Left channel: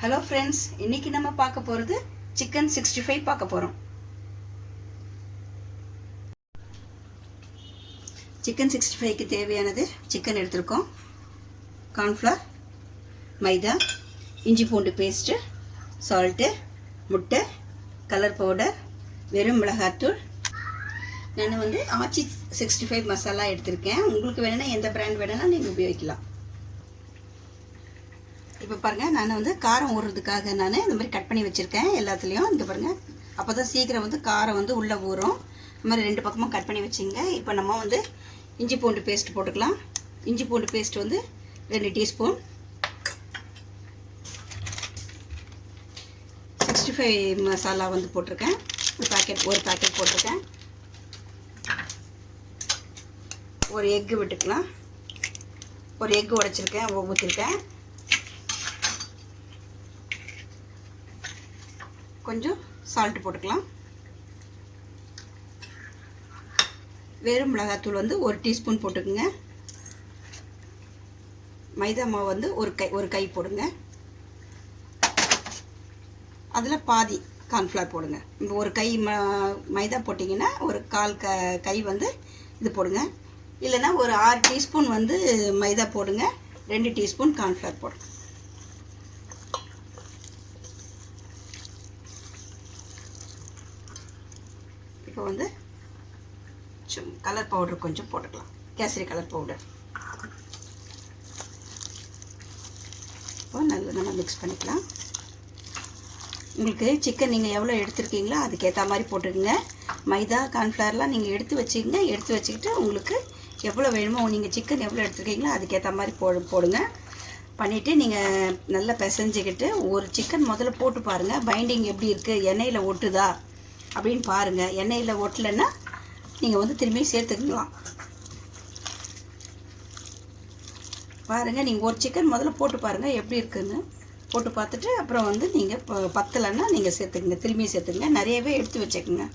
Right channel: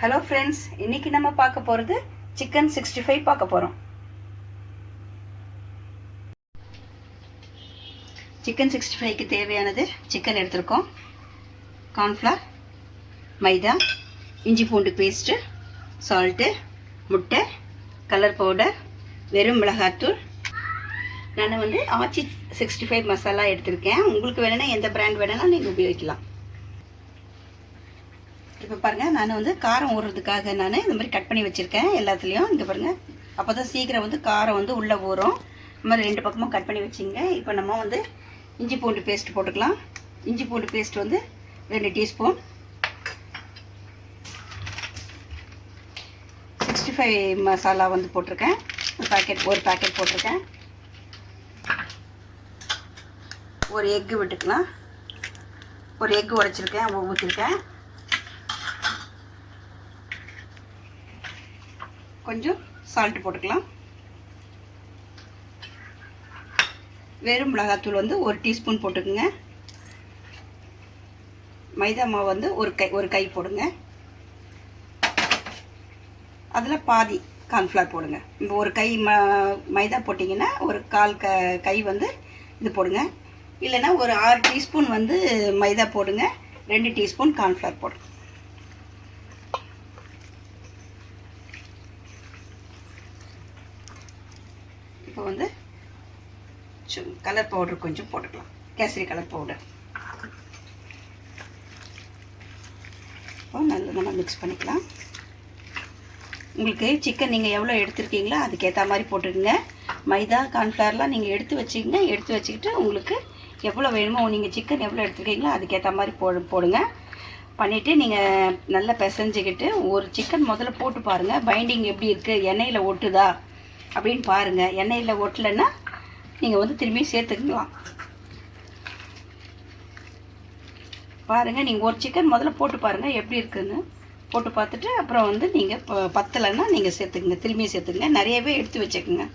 Hello friends, இன்னைக்கு நம்ம பார்க்க போகிறது சிக்கன் 65 பார்க்க போகிறோம். சிக்கன் 65க்கு தேவையானது சிக்கன் எடுத்திருக்கோம், கார்ன்ஃப்ளவர், மைதா, இஞ்சி பூண்டு பேஸ்ட்டு, சால்ட்டு, முட்டை, கலர் பவுடர், வெறும் மிளகாத்தூள். நான் ஆச்சி 65 மசாலா எடுத்திருக்கேன். உங்களுக்கு வேணும்னா எந்த பிராண்ட் வேணும்னா நீங்கள் உபயோகிக்கலாம். இப்போ பாருங்கள், நான் காரம் ஊறுறதுக்காக நான் இந்த மாதிரி கட் பண்ணி வச்சுருக்கேன் எல்லாத்துலேயும். இங்கே பாருங்கள், அப்போ தான் சீக்கிரம் காரம் உள்ளே ஊறும். இந்த மாதிரி 2 பக்கமும் கட் பண்ணி வச்சுங்க. இப்போ நம்ம இஞ்சி பூண்டு பேஸ்ட் போட்டுக்கலாம். இஞ்சி பூண்டு பேஸ்ட் 2 டீஸ்பூன். 65 மசாலா போட்டிருக்கேன். ஒரு பேக்கெட் போட்டிருக்கேன். ஒரு எக்கு விட்டுக்கலாம். ஒரு எக்கு உடைச்சிருக்கேன், ஊற்றிருக்கேன். கொஞ்சம் சால்ட் போட்டுக்கலாம். வெறும் மிளகாத்தூள் 1 டீஸ்பூன் போட்டுக்குங்க. மைதா மாவு ஒரு கை போடுங்க. அதில் பாதி கார்ன்ஃப்ளவர் போடுங்க. இப்போ ஒரு கை மைதா போட்டிங்கன்னா ஒரு கால் கை இது போடுங்க. இல்லைன்னா ஒரு 6 டீஸ்பூன் மைதா போடுங்க. 2 டீஸ்பூன் கார்ன்ஃப்ளவர் போடுங்க. இப்போ கலர் பவுடர் கொஞ்சம் போட்டுக்கலாம், கேசரி கலர் பவுடர். இப்போ நல்லா நம்ம மிக்ஸ் பண்ணிக்கலாம். உங்களுக்கு சிக்கன் நீங்கள் எவ்வளோ எடுத்துருக்கீங்களோ அதுக்கேற்ற மாதிரி போட்டுக்கோங்க. மைதா கார்ன்ஃப்ளவர்லாம் நீங்கள் எடுத்து வச்சுக்கோங்க. எடுத்து வச்சுக்கிட்டு உங்களுக்கு எவ்வளோ வேணுமோ, நீங்கள் சிக்கன் எவ்வளோ எடுத்துருக்கீங்களோ அதுக்கேற்ற மாதிரி போடுங்க. பண்ணிவிட்டு நீங்கள் நல்லா பிசைஞ்சிக்கிட்டு ஒரு சிக்கன் முதல்ல போட்டு பாருங்கள், பைண்டிங் எப்படி இருக்குது, எண்ணெயில் ஒட்டுதா அப்படின்னு பாருங்கள். எண்ணெயில் ஒட்டலைன்னா நீங்கள் திரும்பி சேர்த்துக்கலாம். பாருங்கள், நீங்கள் ஒரு சிக்கன் முதல்ல போட்டு பாருங்கள் எப்படி இருக்குதுன்னு. போட்டு பார்த்துட்டு அப்புறம் நீங்கள் பத்தலைன்னா நீங்கள் சேர்த்துக்குங்க, திரும்பி சேர்த்துக்குங்க. நிறையவே எடுத்து வச்சுக்கோங்க.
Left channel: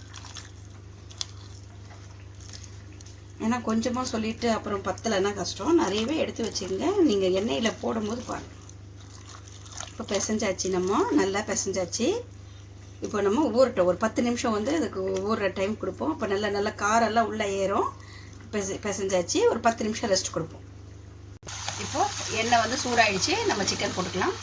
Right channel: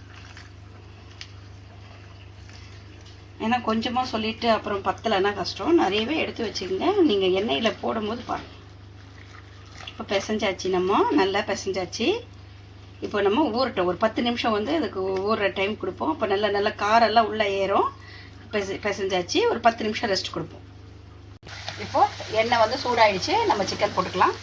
ஏன்னா கொஞ்சமாக சொல்லிவிட்டு அப்புறம் பத்தலைன்னா கஷ்டம். நிறையவே எடுத்து வச்சுக்கோங்க. நீங்கள் எண்ணெயில் போடும்போது பாருங்கள். இப்போ பிசைஞ்சாச்சு, நம்ம நல்லா பிசைஞ்சாச்சு. இப்போ நம்ம ஊறட்டும். ஒரு 10 நிமிஷம் இதுக்கு ஊறுற டைம் கொடுப்போம். இப்போ நல்லா காரெல்லாம் உள்ளே ஏறும். பிசைஞ்சாச்சு. ஒரு 10 நிமிஷம் ரெஸ்ட் கொடுப்போம். இப்போது எண்ணெய் சூடாகிடுச்சு. நம்ம சிக்கன் போட்டுக்கலாம்.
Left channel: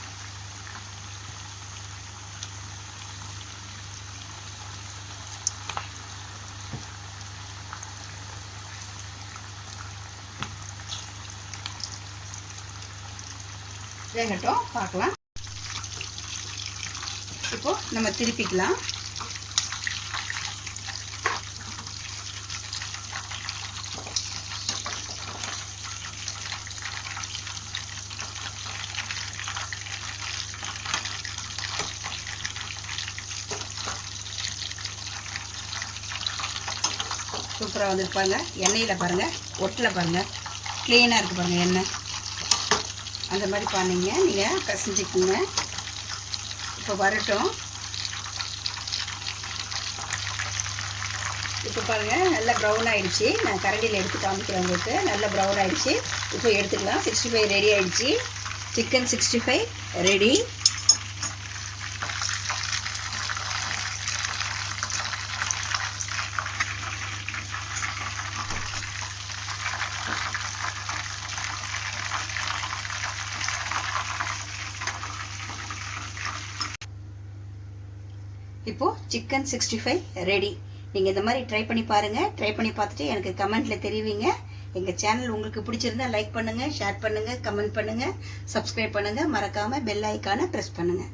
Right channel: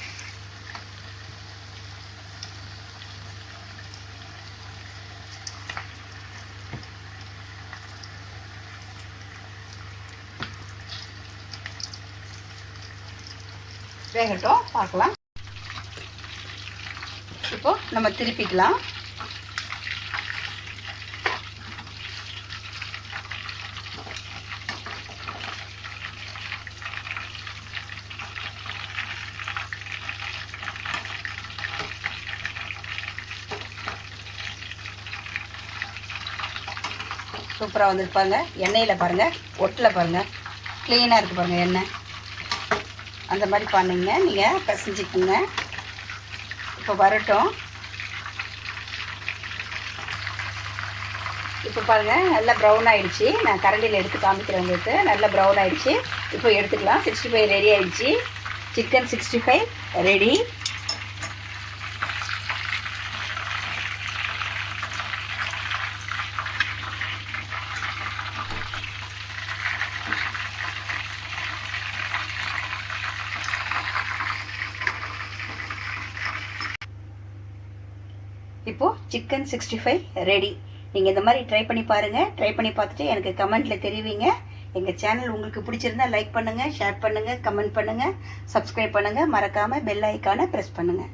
வேகட்டும், பார்க்கலாம். இப்போ நம்ம திருப்பிக்கலாம். சூப்பராக வந்துருப்பாங்க. எண்ணெயில் பாருங்கள், ஒட்டில் பாருங்கள், க்ளீனாக இருக்குது பாருங்கள் எண்ணெய். அந்த மாதிரி பண்ணிங்க, நீங்கள் பிசைஞ்சிக்குங்க. இப்போ வரட்டும். இப்போ பாருங்கள், நல்லா ப்ரௌன் ஆகிடுச்சு. நான் கரண்டியில் எடுத்து காமிக்கிறேன் உங்களுக்கு. நல்லா ப்ரௌன் ஆகிடுச்சு. இப்போ எடுத்துக்கலாம். 65 ரெடி ஆகிடுச்சு. Chicken 65 ready. இப்போது சிக்கன் 65 ரெடி. நீங்கள் இந்த மாதிரி ட்ரை பண்ணி பாருங்கள். ட்ரை பண்ணி பார்த்துட்டு எனக்கு கமெண்ட்டில் தெரிவிங்க. எங்கள் சேனல் உங்களுக்கு பிடிச்சிருந்தா லைக் பண்ணுங்கள், ஷேர் பண்ணுங்கள், கமெண்ட் பண்ணுங்கள், சப்ஸ்கிரைப் பண்ணுங்கள். மறக்காமல் பெல் ஐக்கானை ப்ரெஸ் பண்ணுங்கள்.